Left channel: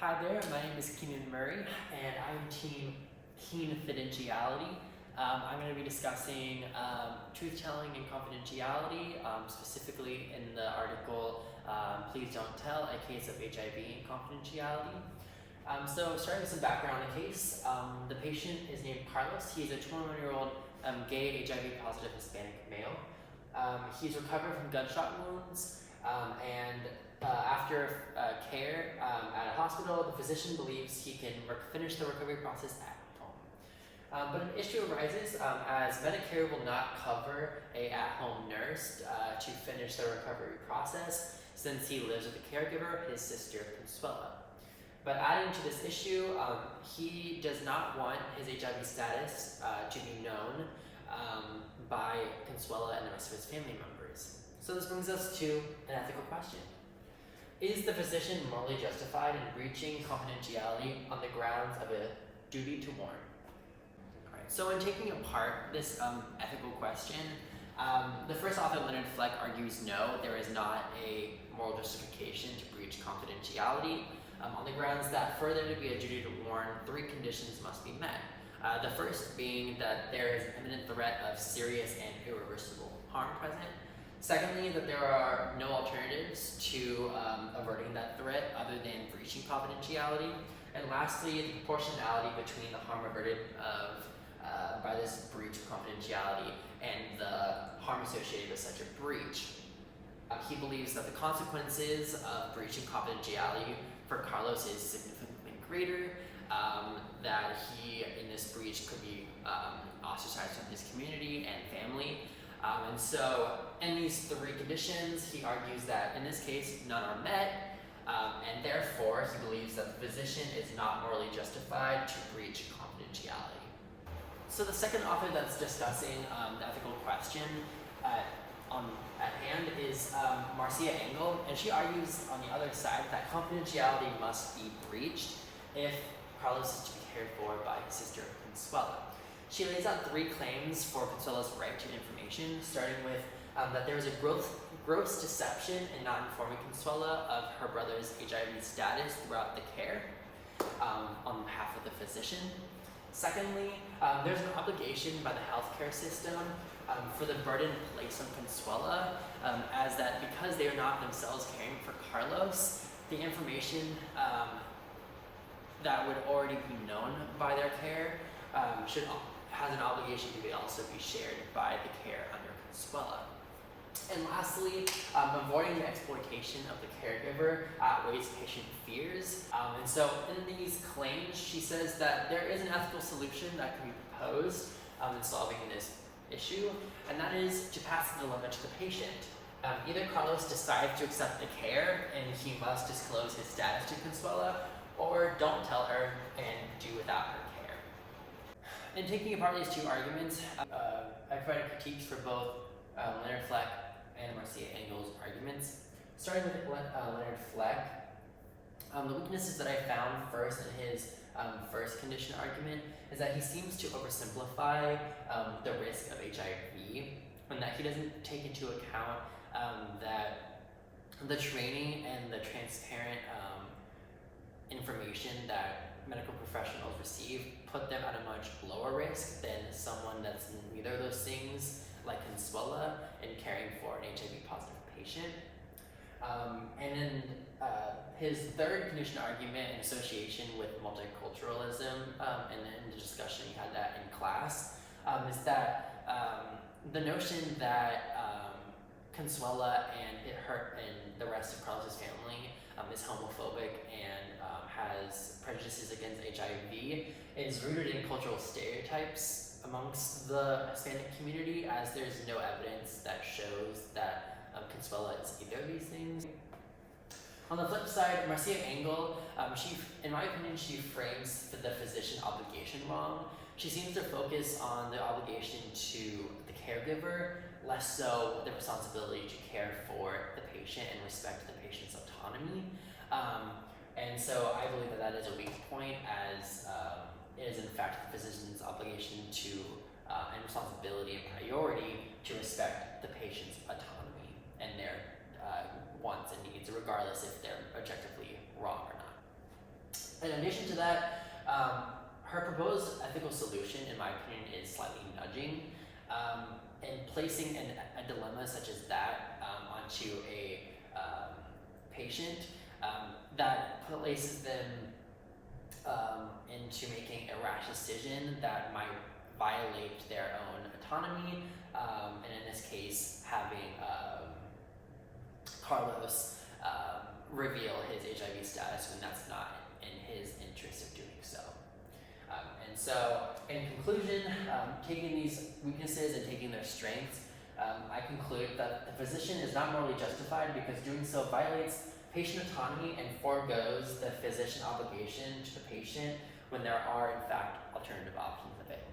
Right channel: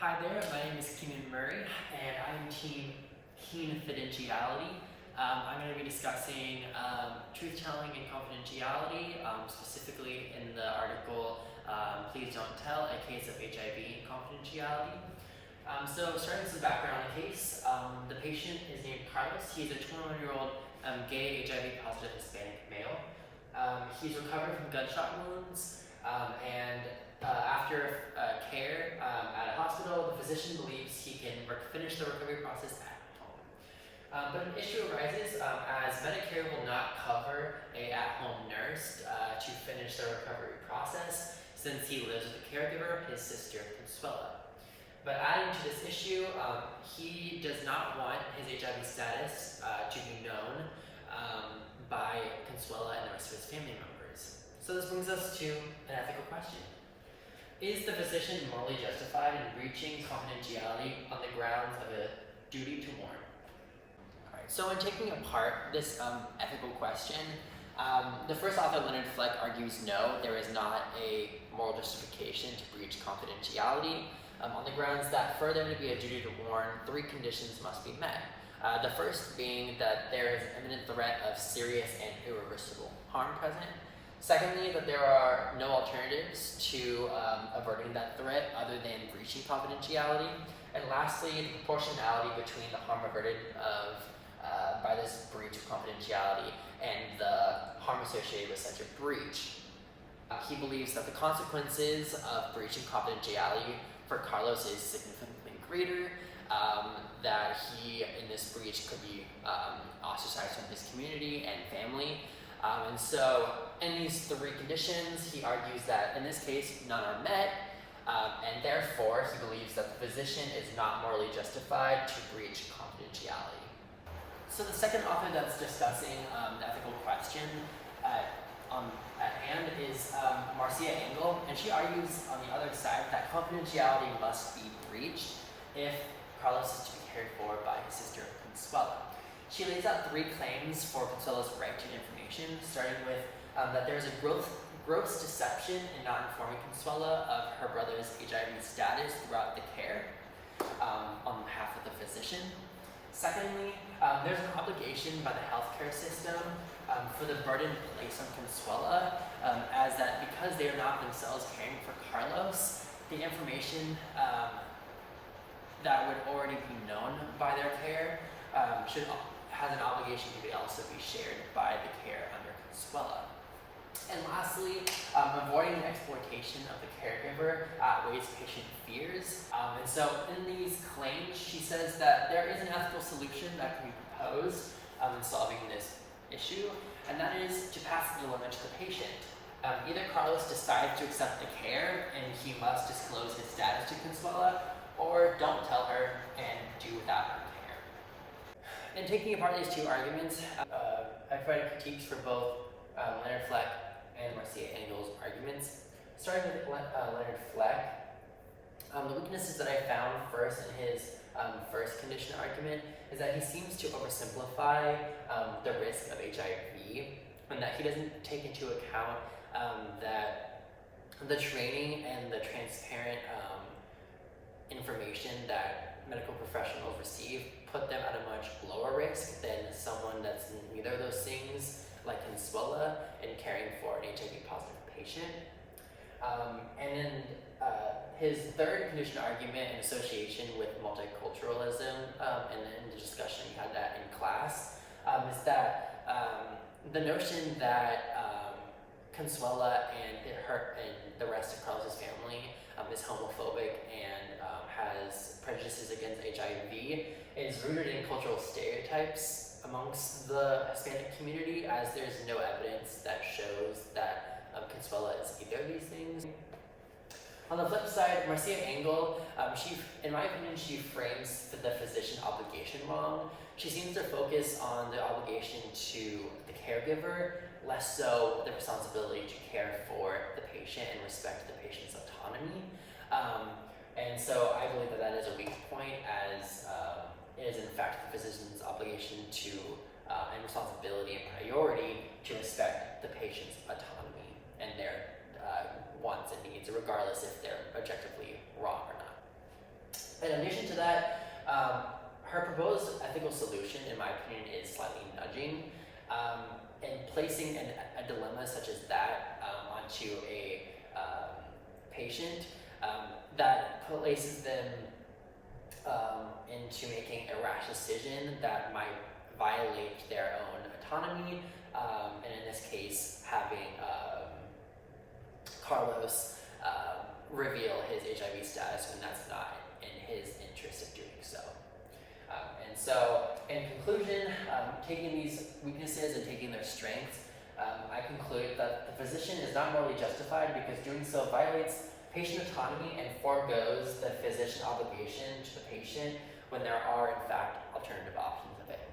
Hi there, my name is Keenan Murray, and I'm Team Confidentiality. I'm going to be discussing truth-telling and confidentiality, specifically in the article Please Don't Tell, a Case of HIV Confidentiality. So starting with some background on the case, the patient is named Carlos. He's a 21-year-old gay HIV-positive Hispanic male. He's recovered from gunshot wounds, and after care at a hospital, the physician believes he can finish the recovery process at home. But an issue arises as Medicare will not cover a at-home nurse to finish the recovery process since he lives with a caregiver, his sister Consuela. But adding to this issue, he does not want his HIV status to be known by Consuela and the rest of his family members. So this brings us to an ethical question. Is the physician morally justified in breaching confidentiality on the grounds of a duty to warn? Alright, so in taking apart this ethical question, the first author, Leonard Fleck, argues no, there is not a moral justification to breach confidentiality on the grounds that for there to be a duty to warn, 3 conditions must be met. The first being that there is imminent threat of serious and irreversible harm present. Secondly, that there are no alternatives to averting that threat other than breaching confidentiality. And lastly, the proportionality between the harm averted by this breach of confidentiality and the harm associated with such a breach. He believes that the consequences of breaching confidentiality for Carlos is significantly greater, that he, in this breach, could be ostracized from his community and family. And so, in these 3 conditions, he argues that in this case, none are met, and therefore he believes that the physician is not morally justified to breach confidentiality. So the second author that's discussing the ethical question at hand is Marcia Engel, and she argues on the other side that confidentiality must be breached if Carlos is to be cared for by his sister Consuela. She lays out 3 claims for Consuela's right to information, starting with that there is a gross deception in not informing Consuela of her brother's HIV status throughout the care on behalf of the physician. Secondly, there's an obligation by the healthcare system for the burden placed on Consuela, as that because they are not themselves caring for Carlos, the information that would already be known by their care has an obligation to also be shared by the care under Consuela. And lastly, avoiding the exploitation of the caregiver outweighs patient fears. And so in these claims, she says that there is an ethical solution that can be proposed in solving this issue, and that is to pass the dilemma to the patient. Either Carlos decides to accept the care and he must disclose his status to Consuela, or don't tell her and do without her care. In taking apart these 2 arguments, I provided critiques for both Leonard Fleck and Marcia Engel's arguments. Starting with Leonard Fleck, the weaknesses that I found first in his first condition argument is that he seems to oversimplify the risk of HIV, and that he doesn't take into account that the training and the transparent information that medical professionals receive put them at a much lower risk than someone that's neither of those things, like Consuela, in caring for an HIV-positive patient. And then his third condition argument in association with multiculturalism, and in the discussion we had that in class, is that the notion that Consuela and the rest of Carlos's family is homophobic and has prejudices against HIV is rooted in cultural stereotypes amongst the Hispanic community, as there's no evidence that shows that Consuela is either of these things. On the flip side, Marcia Engel, in my opinion, she frames the physician obligation wrong. She seems to focus on the obligation to the caregiver, less so the responsibility to care for the patient and respect the patient's autonomy. And so I believe that is a weak point, as it is in fact the physician's obligation to and responsibility and priority to respect the patient's autonomy and their wants and needs, regardless if they're objectively wrong or not. In addition to that, her proposed ethical solution, in my opinion, is slightly nudging, and placing a dilemma such as that onto a patient that places them into making a rash decision that might violate their own autonomy, and in this case, having Carlos reveal his HIV status when that's not in his interest of doing so. And so, in conclusion, taking these weaknesses and taking their strengths, I conclude that the physician is not morally justified because doing so violates patient autonomy and forgoes the physician obligation to the patient when there are, in fact, alternative options available.